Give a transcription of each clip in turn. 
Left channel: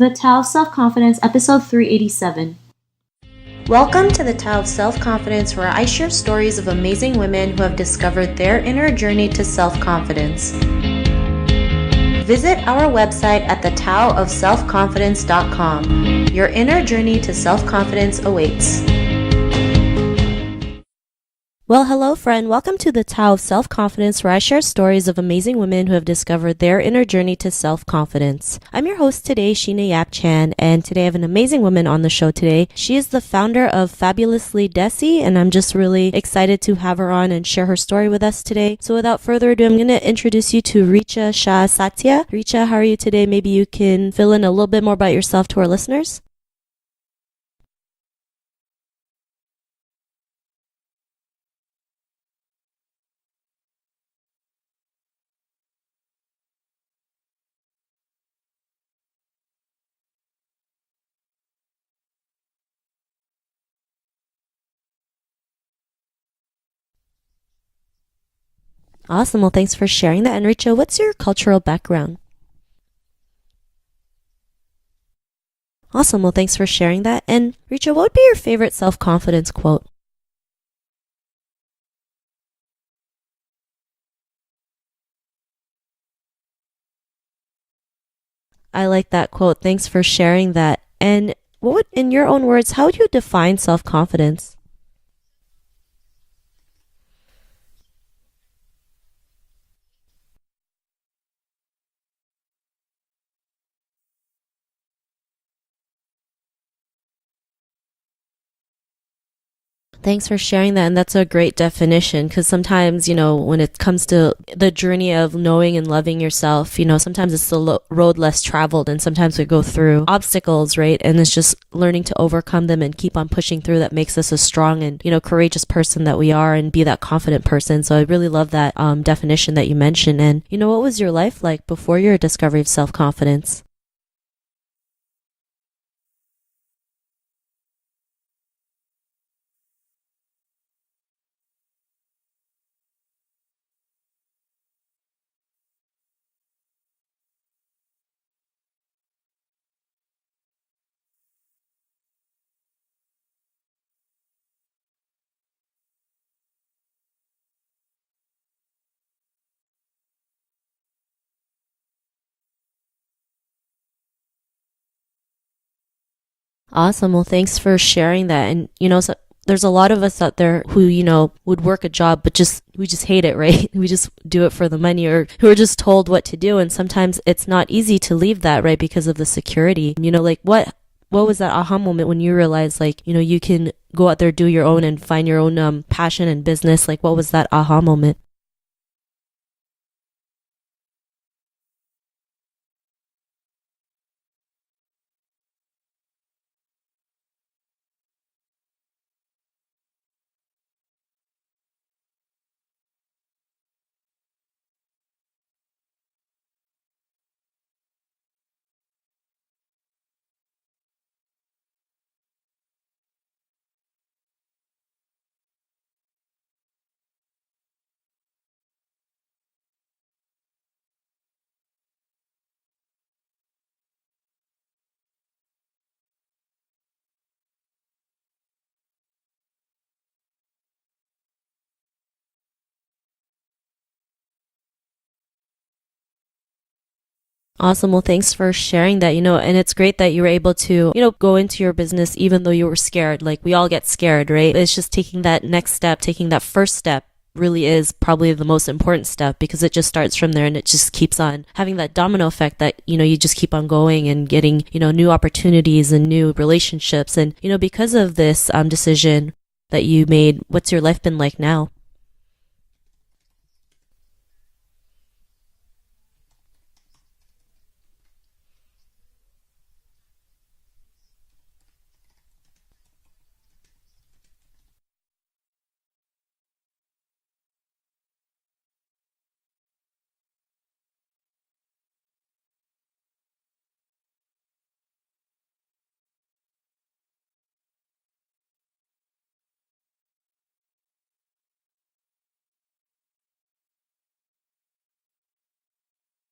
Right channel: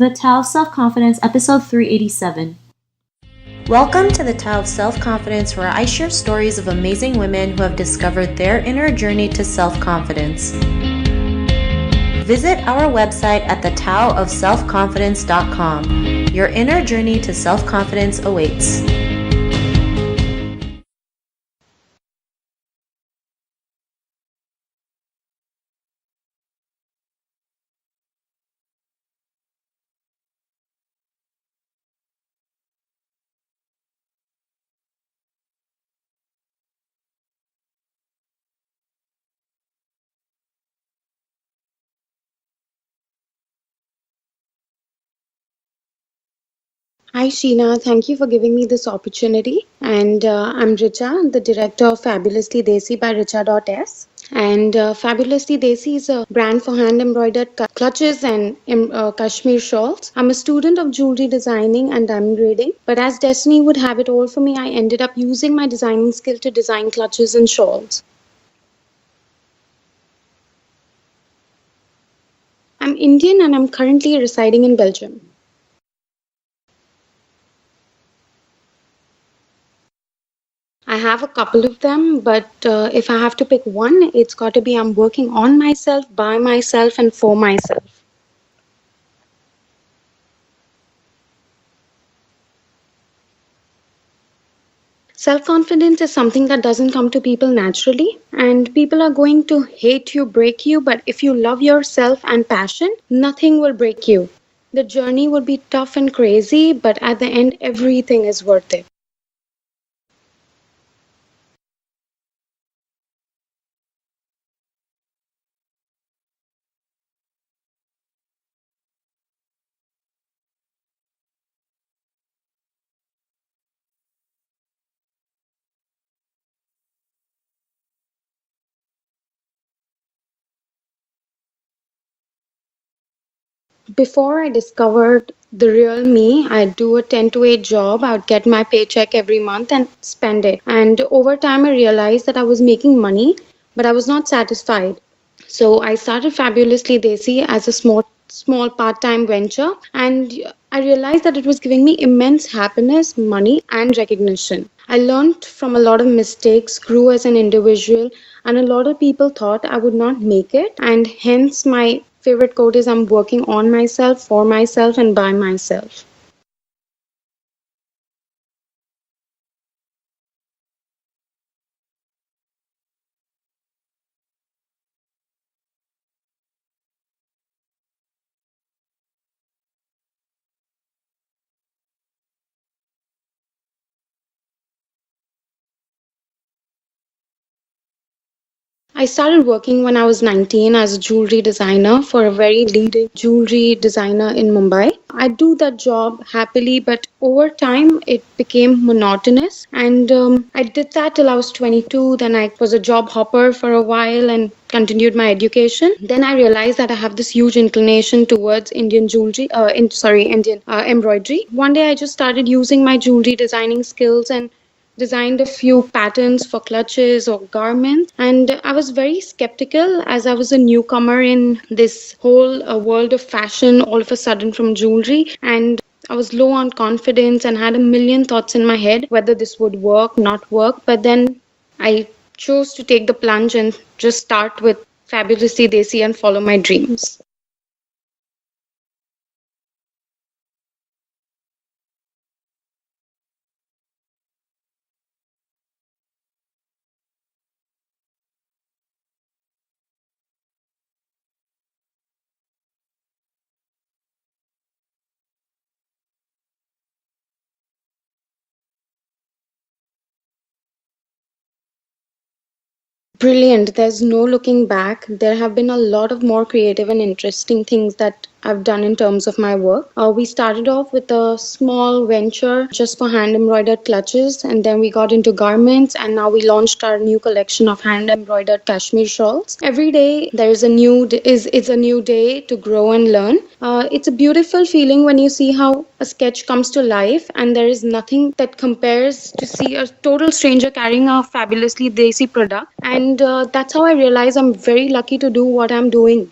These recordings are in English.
The Tao of Self-Confidence, episode 387. Welcome to the Tao of Self-Confidence, where I share stories of amazing women who have discovered their inner journey to self-confidence. Visit our website at thetaoofselfconfidence.com. Your inner journey to self-confidence awaits. Well, hello, friend. Welcome to the Tao of Self-Confidence, where I share stories of amazing women who have discovered their inner journey to self-confidence. I'm your host today, Sheena Yap Chan, and today I have an amazing woman on the show today. She is the founder of Fabulously Desi, and I'm just really excited to have her on and share her story with us today. So without further ado, I'm going to introduce you to Richa Shah Satiya. Richa, how are you today? Maybe you can fill in a little bit more about yourself to our listeners. Hi Sheena, thank you for giving me this opportunity. And I'm Richa, the director of Fabulously Desi by Richa.s. And Fabulously Desi is a brand for hand embroidered clutches and Kashmir shawls. I'm a student of jewelry designing and diamond braiding, but as destiny would have it all for me, I ended up using my designing skill to design clutches and shawls. Awesome. Well, thanks for sharing that. And Richa, what's your cultural background? I'm Indian and I'm currently residing in Belgium. Awesome. Well, thanks for sharing that. And Richa, what would be your favorite self-confidence quote? I have a couple of them, but if I have to pick one, it's got to be I'm working on myself, by myself, and for myself. I like that quote. Thanks for sharing that. And what would, in your own words, how would you define self-confidence? Self-confidence is something that doesn't come to people naturally, and people are going to hate you, break you, but if you love yourself and passion, nothing will break you. The journey would be tough and crazy, but at the end, everything is worth it. Thanks for sharing that. And that's a great definition because sometimes, when it comes to the journey of knowing and loving yourself, sometimes it's the road less traveled and sometimes we go through obstacles, right? And it's just learning to overcome them and keep on pushing through that makes us a strong and, courageous person that we are and be that confident person. So I really love that definition that you mentioned. And, what was your life like before your discovery of self-confidence? Before I discovered the real me, I'd do a 10 to 8 job. I would get my paycheck every month and spend it. And over time, I realized that I was making money, but I was not satisfied. So I started Fabulously Desi as a small part-time venture, and I realized that it was giving me immense happiness, money, and recognition. I learned from a lot of mistakes, grew as an individual, and a lot of people thought I would not make it, and hence my favorite quote is I'm working on myself, for myself, and by myself. Awesome. Well, thanks for sharing that. And, so there's a lot of us out there who, would work a job, but we just hate it, right? We just do it for the money or who are just told what to do. And sometimes it's not easy to leave that, right? Because of the security, what was that aha moment when you realized you can go out there, do your own and find your own passion and business? Like, what was that aha moment? I started working when I was 19 as a jewelry designer for a very leading jewelry designer in Mumbai. I do that job happily, but over time it became monotonous. And I did that till I was 22. Then I was a job hopper for a while and continued my education. Then I realized that I have this huge inclination towards Indian jewelry, Indian embroidery. One day I just started using my jewelry designing skills and designed a few patterns for clutches or garments. And I was very skeptical as I was a newcomer in this whole world of fashion all of a sudden from jewelry. And I was low on confidence and had a million thoughts in my head whether this would work, not work. But then I chose to take the plunge and just start with Fabulously Desi and follow my dreams. Awesome. Well, thanks for sharing that, and it's great that you were able to, go into your business even though you were scared. Like we all get scared, right? It's just taking that next step, taking that first step really is probably the most important step because it just starts from there and it just keeps on having that domino effect that, you just keep on going and getting, new opportunities and new relationships. And, because of this decision that you made, what's your life been like now? Brilliant. There's no looking back. There have been a lot of more creative and interesting things that I've done in terms of my work. We started off with a small venture just for hand embroidered clutches, and then we got into garments, and now we launched our new collection of hand embroidered Kashmir shawls. Every day there is it's a new day to grow and learn. It's a beautiful feeling when you see how a sketch comes to life, and there is nothing that compares to see a total stranger carrying a fabulously desi product. And that's how I realize I'm very lucky to do what I'm doing.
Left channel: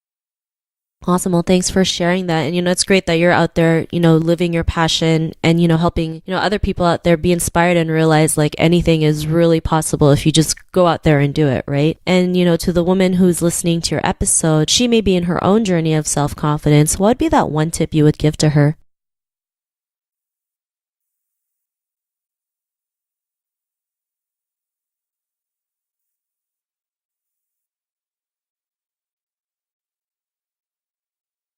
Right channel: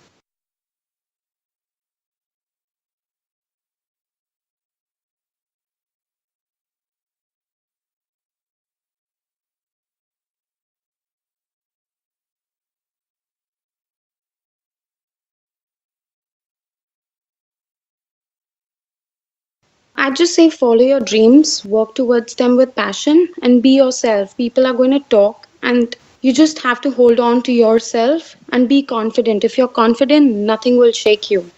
Awesome. Well, thanks for sharing that. And, it's great that you're out there, living your passion and, helping, other people out there be inspired and realize like anything is really possible if you just go out there and do it, right? And, to the woman who's listening to your episode, she may be in her own journey of self-confidence. What would be that one tip you would give to her? I'd just say follow your dreams, work towards them with passion, and be yourself. People are going to talk, and you just have to hold on to yourself and be confident. If you're confident, nothing will shake you.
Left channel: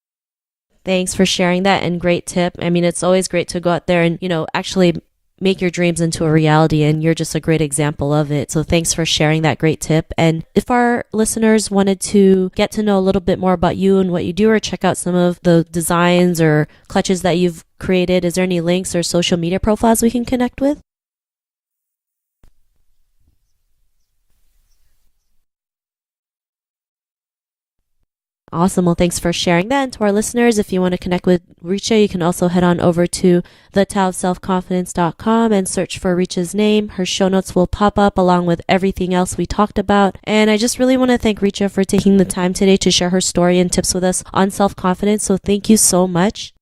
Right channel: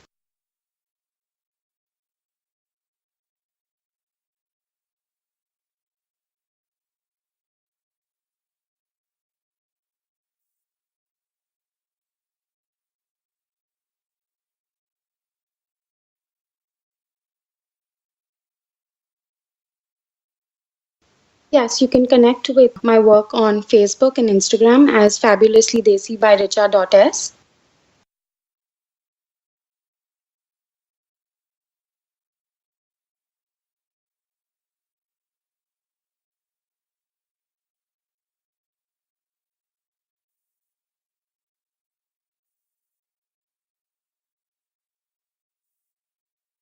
Thanks for sharing that and great tip. I mean, it's always great to go out there and, actually make your dreams into a reality, and you're just a great example of it. So thanks for sharing that great tip. And if our listeners wanted to get to know a little bit more about you and what you do, or check out some of the designs or clutches that you've created, is there any links or social media profiles we can connect with? Yes, you can connect with my work on Facebook and Instagram as Fabulously Desi by Richa.s. Awesome. Well, thanks for sharing that. And to our listeners, if you want to connect with Richa, you can also head on over to thetowofselfconfidence.com and search for Richa's name. Her show notes will pop up along with everything else we talked about. And I just really want to thank Richa for taking the time today to share her story and tips with us on self-confidence. So thank you so much.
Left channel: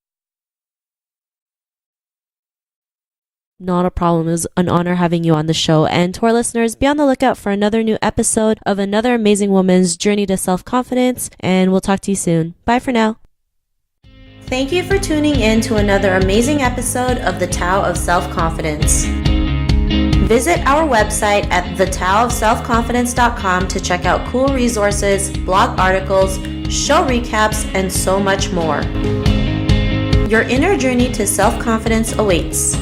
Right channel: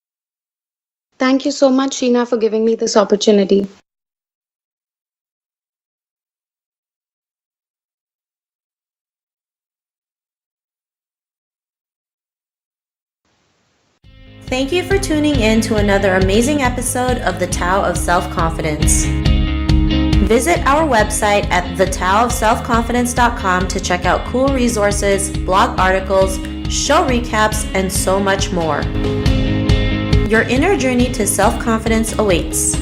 Thank you so much, Sheena, for giving me this opportunity. Not a problem. It was an honor having you on the show. And to our listeners, be on the lookout for another new episode of another amazing woman's journey to self-confidence. And we'll talk to you soon. Bye for now. Thank you for tuning in to another amazing episode of The Tao of Self-Confidence. Visit our website at thetowofselfconfidence.com to check out cool resources, blog articles, show recaps, and so much more. Your inner journey to self-confidence awaits.